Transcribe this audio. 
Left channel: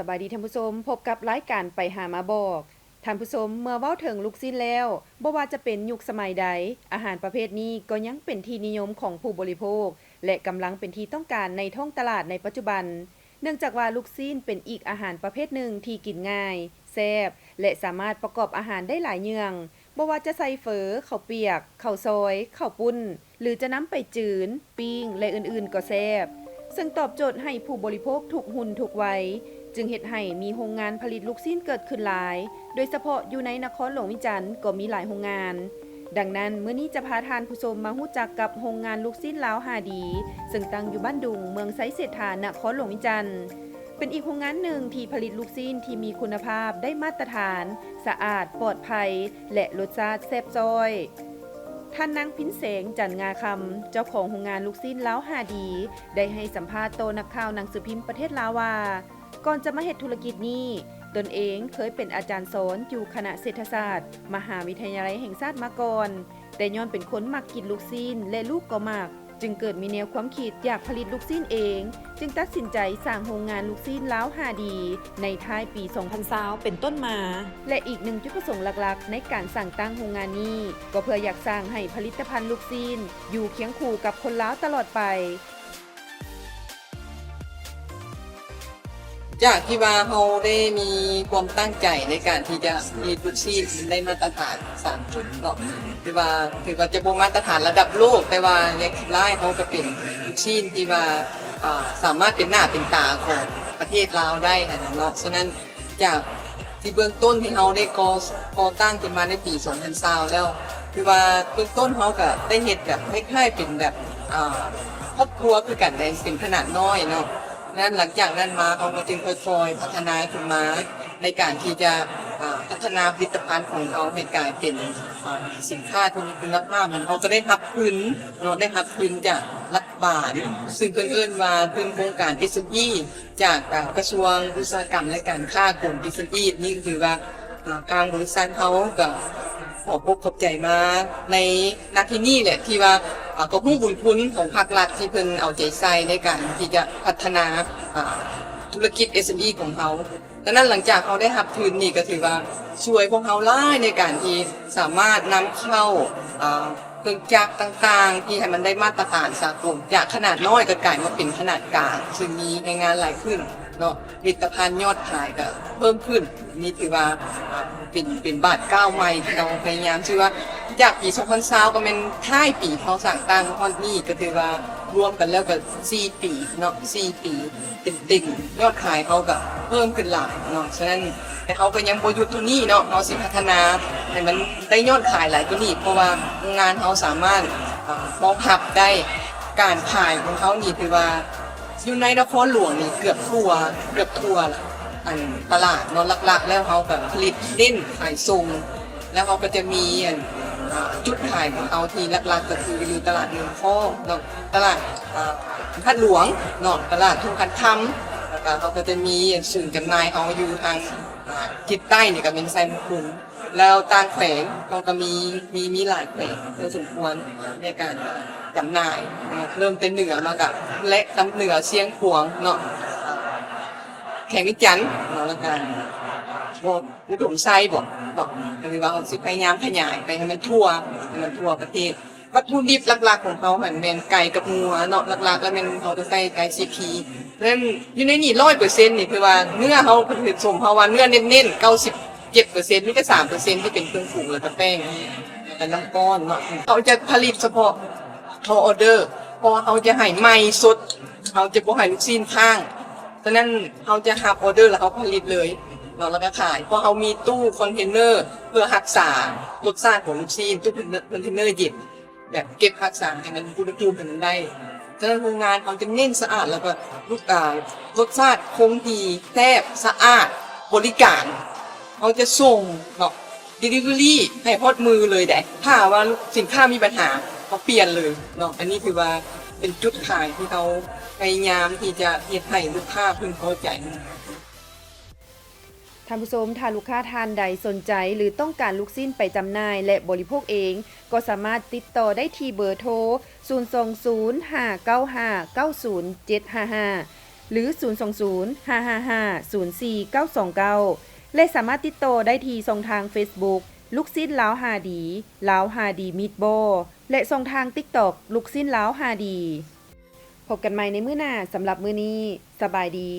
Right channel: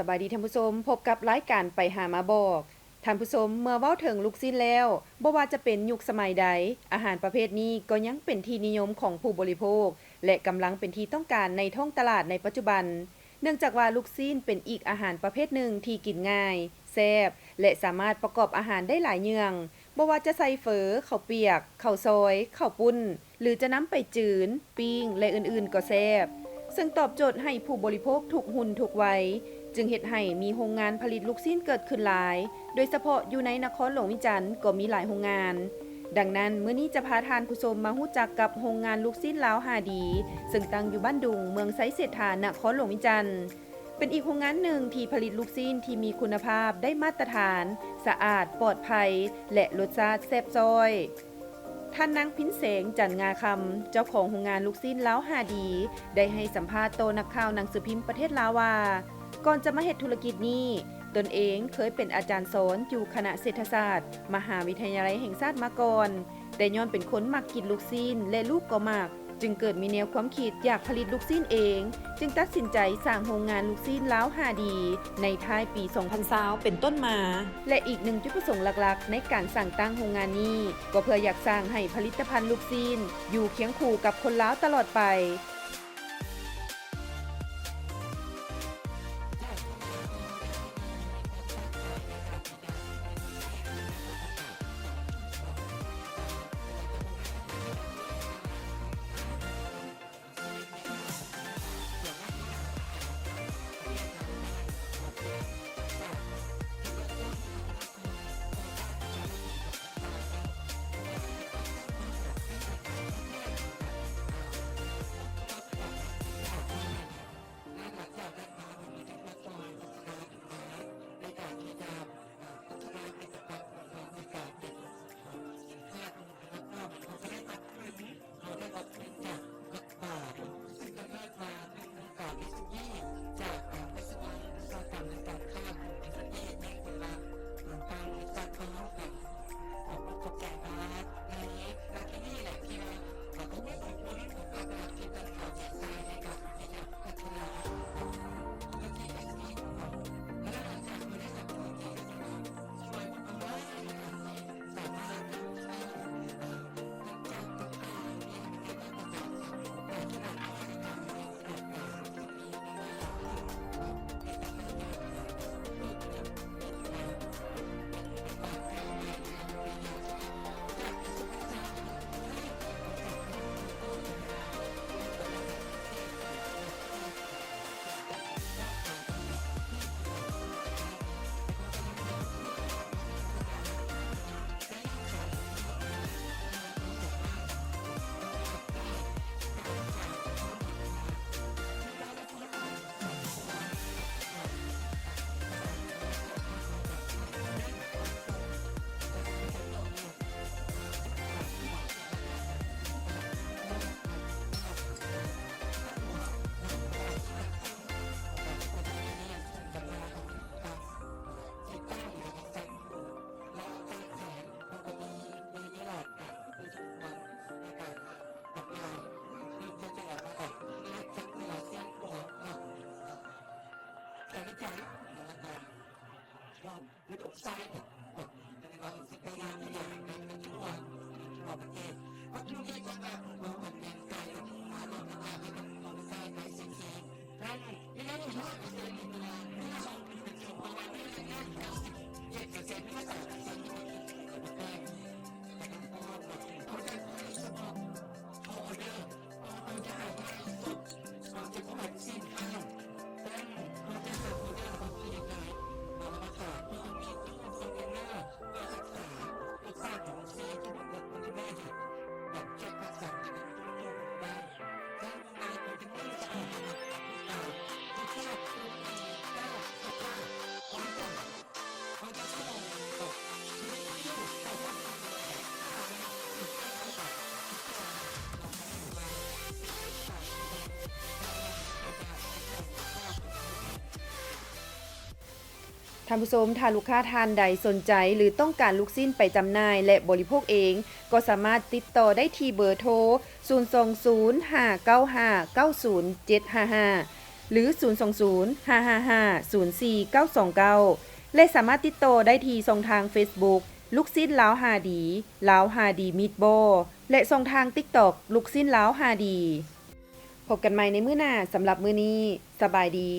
สบายดีท่านผู้ชมพบกับรายการไปหามาบอกท่านผู้ชมเมื่อเว้าถึงลูกชิ้นแล้วบ่ว่าจะเป็นยุคสมัยใดอาหารประเภทนี้ก็ยังเป็นที่นิยมของผู้บริโภคและกำลังเป็นที่ต้องการในท้องตลาดในปัจจุบันเนื่องจากว่าลูกชิ้นเป็นอีกอาหารประเภทหนึ่งที่กินง่ายแซ่บและสามารถประกอบอาหารได้หลายอย่างบ่ว่าจะใส่เฝอข้าวเปียกข้าวซอยข้าวปุ้นหรือจะนำไปจืนปิ้งและอื่นๆก็แซ่บซึ่งตอบโจทย์ให้ผู้บริโภคทุกหุ่นทุกวัยจึงเฮ็ดให้มีโรงงานผลิตลูกชิ้นเกิดขึ้นหลายโดยเฉพาะอยู่ในนครหลวงวิจันทร์ก็มีหลายโรงงานดังนั้นมื้อนี้จะพาทานผู้ชมมาฮู้จักกับโรงงานลูกชิ้นลาวหาดีซึ่งตั้งอยู่บ้านดุงเมืองไสเศรษฐานครหลวงวิจันทร์เป็นอีกโรงงานหนึ่งที่ผลิตลูกชิ้นที่มีคุณภาพได้มาตรฐานสะอาดปลอดภัยและรสชาติแซ่บจ้อยท่านนางพินเสงจันงาคำเจ้าของโรงงานลูกชิ้นลาวหาดีได้ให้สัมภาษณ์โตนักข่าวหนังสือพิมพ์ประเทศลาวว่าก่อนจะมาเฮ็ดธุรกิจนี้ตนเองเคยเป็นอาจารย์สอนอยู่คณะเศรษฐศาสตร์มหาวิทยาลัยแห่งชาติมาก่อนแต่ย้อนเป็นคนมักกินลูกชิ้นและลูกก็มักจึงเกิดมีแนวความคิดอยากผลิตลูกชิ้นเองจึงตัดสินใจสร้างโรงงานลูกชิ้นลาวหาดีในท้ายปี2020เป็นต้นมาและอีกหนึ่งจุดประสงค์หลักๆในการสร้างตั้งโรงงานนี้ก็เพื่ออยากสร้างให้ผลิตภัณฑ์ลูกชิ้นอยู่เคียงคู่กับคนลาวตลอดไปจากที่ว่าเราได้มีความตั้งใจในการที่จะมีลูกชิ้นได้มาตรฐาน3 จุดเนาะถือว่าจะบ่มาตรฐานระดับโลกแต่ว่าในไล่เขาก็เป็นลูกชิ้นที่ว่าสามารถเป็นหน้าเป็นตาของประเทศลาวได้นะเนาะฉะนั้นจากที่เบื้องต้นที่เราได้ก่อตั้งขึ้นมาในปี2020แล้วคือว่าเบื้องต้นเขาก็ได้เฮ็ดแบบคล้ายๆเป็นแบบครอบครัวคือกันในเป็นขนาดน้อยเนาะนั้นหลังจากนั้นมาเขาก็จึงค่อยๆพัฒนาขึ้นมาในการที่จะพัฒนาผลิตภัณฑ์ของเขาให้กลายเป็นสินค้าที่มีคุณภาพมันเขาก็ได้รับทุนเราได้รับทุนจากรัฐบาลซึ่งเอิ้นว่าเป็นโครงการ SME จากกระทรวงอุตสาหกรรมและการค้ากลุ่ม SME นี่ก็คือว่าทางบริษัทเขาก็ขอบใจมาในนาทีนี้แหละที่ว่าก็ผู้บุญคุณของภาครัฐที่เพิ่นเอาใจใส่ในการที่จะพัฒนาธุรกิจ SME ของเขาดังนั้นหลังจากเขาได้รับทุนนี่ก็ถือว่าช่วยพวกเขาหลายในการที่สามารถนำเข้าเครื่องจักรต่างๆที่ให้มันได้มาตรฐานสากลจากขนาดน้อยก็กลายมาเป็นขนาดกลางซึ่งมีงานหลายขึ้นเนาะผลิตภัณฑ์ยอดขายก็เพิ่มขึ้นนี่ถือว่าเป็นบาทก้าวใหม่ที่เราพยายามชื่อว่าจากปี2020ก็เป็นท้ายปีเขาสั่งตั้งฮอดนี้ก็ถือว่ารวมกันแล้วก็4 ปีเนาะ4 ปีเต็มๆยอดขายเขาก็เพิ่มขึ้นหลายเนาะฉะนั้นแต่เขาก็ยังบ่หยุดตัวนี้เนาะเขาสิพัฒนาให้มันได้ยอดขายหลายกว่านี้เพราะว่างานเขาสามารถรองรับได้การขายของเขานี่ถือว่าอยู่ในนครหลวงนี่เกือบทั่วละตลาดเนาะหลักๆแล้วเขาก็ผลิตเน้นขายส่งแล้วเขาก็จะมีจุดขายของเขาที่หลักๆก็คืออยู่ตลาดเมืองพ่อเนาะตลาดคัดหลวงเนาะตลาดทุ่งคันคำแล้วก็เขาก็จะมีศูนย์จำหน่ายเขาอยู่ทางทิศใต้นี่ก็เป็นไซมุกคุนแล้วต่างแขวงเขาก็มีหลายแขวงพอสมควรในการจำหน่ายเริ่มเป็นเหนือมากับและตำเหนือเชียงขวางเนาะแข่งวิจันทร์เนาะแล้วกันอุดมไซบอกคือว่าเขาสิพยายามขยายไปให้มันทั่วประเทศวัตถุดิบหลักๆของเขาเหมือนเป็นไก่กับงัวเนาะหลักๆแล้วเป็นเขาจะใส่ไก่ซีพีเพราะฉะนั้นอยู่ในนี่100%นี่คือว่าเนื้อเขาผลิตสมภาวะเนื้อเน้นๆ97%นี่ก็3%ที่เป็นเครื่องปรุงแล้วก็แป้งและน้ำก้อนเนาะเขาจะผลิตเฉพาะเขาออเดอร์เพราะเขาจะให้ใหม่สดเขาจะบ่ให้ลูกชิ้นข้างฉะนั้นเขาจะรับออเดอร์แล้วเขาผลิตเลยแล้วก็ขายเพราะเขามีตู้คอนเทนเนอร์เพื่อรักษารสชาติของลูกชิ้นตู้คอนเทนเนอร์เย็นแบบเก็บรักษาให้มันอุณหภูมิมันได้ฉะนั้นโรงงานเขาจะเน้นสะอาดแล้วก็รสชาติคงที่แซ่บสะอาดบริการเขาจะส่งเนาะ delivery ให้พอดมือเลยได้ถ้าว่าสินค้ามีปัญหาเขาเปลี่ยนเลยเนาะอันนี้คือว่าเป็นจุดขายที่เขาพยายามที่จะเฮ็ดให้ลูกค้าพึงพอใจท่านผู้ชมถ้าลูกค้าทานใดสนใจหรือต้องการลูกชิ้นไปจำหน่ายและบริโภคเองก็สามารถติดต่อได้ที่เบอร์โทร 020 595 90 755 หรือ 020-555-04929 และสามารถติดต่อได้ที่ช่องทาง Facebook ลูกศิษย์ลาวฮาดีลาวฮาดีมีดบอลและช่องทาง TikTok ลูกศิษย์ลาวฮาดีพบกันใหม่ในมื้อหน้าสำหรับมื้อนี้สบายดี